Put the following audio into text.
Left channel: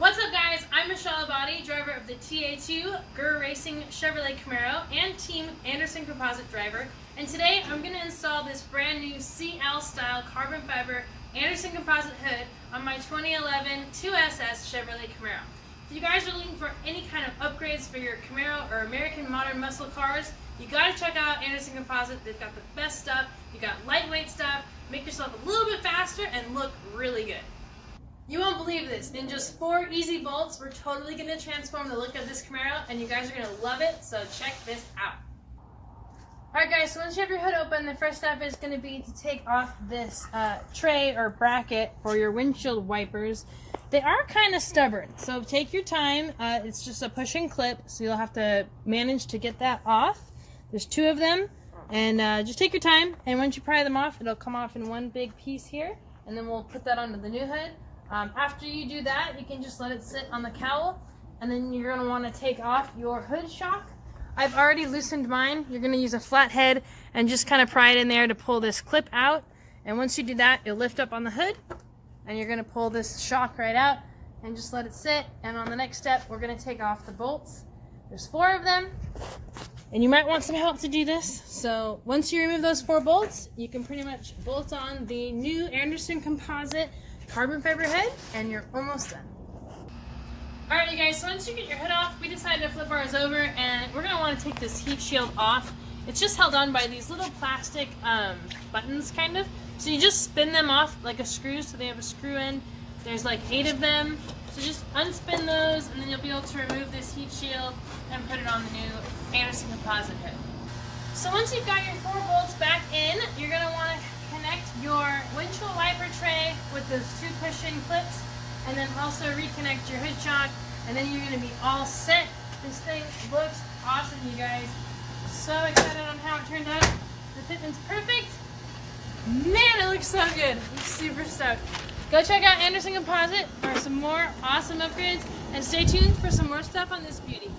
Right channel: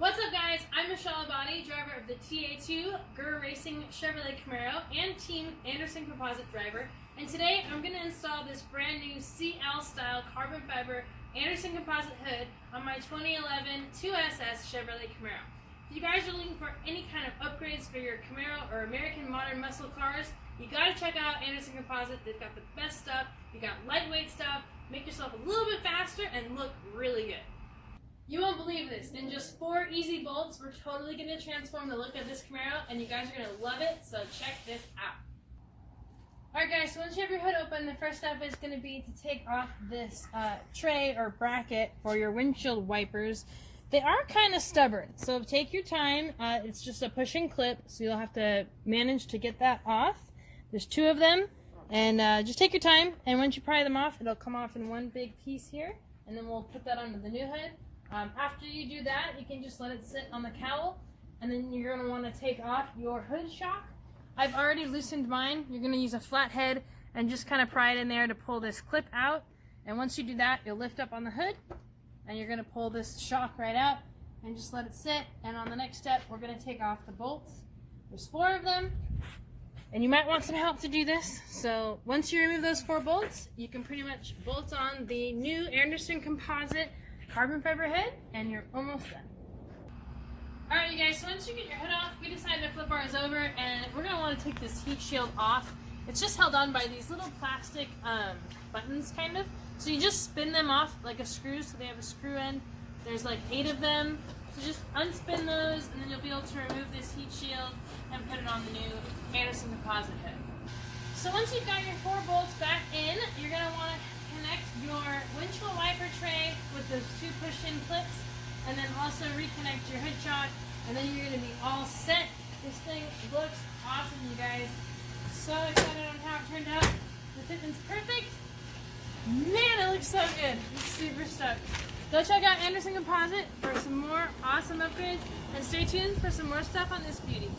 What's up, guys? I'm Michelle Abadi, driver of the TA2 Grr Racing Chevrolet Camaro and Team Anderson Composite driver. And today I'm going to install this brand new CL style carbon fiber Anderson Composite hood on my 2011 2SS Chevrolet Camaro. If you guys are looking for any kind of upgrades for your Camaro or American modern muscle cars, you got to check out Anderson Composite. They've got the best stuff. You got lightweight stuff, make yourself a little bit faster and look really good. You won't believe this. In just 4 easy bolts, we're totally going to transform the look of this Camaro, and you guys are going to love it, so check this out. Alright guys, so once you have your hood open, the first step is going to be to take off this tray or bracket for your windshield wipers. They are kind of stubborn, so take your time. It's just a push and clip, so you'll have to manage to get that off. There's 2 of them, and just take your time, and once you pry them off, it'll come off in one big piece here, and then we'll put that onto the new hood. After you do that, you can just let it sit on the cowl, and then you're going to want to take off your hood shock. I've already loosened mine. You're going to use a flat head and just kind of pry it in there to pull this clip out. And once you do that, you'll lift up on the hood, and you're going to pull this shock right out and just let it sit. And on the next step, we're going to take off the bolts. There's 4 of them, and you might want some help to do this. So once you remove those 4 bolts, you can pretty much bolt on the new Anderson Composite carbon fiber hood, and you're almost done. Alright you guys, so once you get your hood off, we decided to flip ours over, and we're going to want to take this heat shield off. It's just held on by these little plastic buttons, kind of. So you just spin them off like a screw, so they have a screw end. There's like 8 of them. So just unspin those, and then you'll be able to remove this heat shield and put it on the new Anderson Composite hood. So once you've got your 4 bolts back in, you're going to want to connect your windshield wiper tray with those 2 push-in clips, and then also reconnect your hood shock, and then you're going to be all set. This thing looks awesome, you guys. So excited on how it turned out. The fitment's perfect. Man, it looks so good. I'm super stoked. Go check out Anderson Composite for some more awesome upgrades, and stay tuned for some more stuff on this beauty.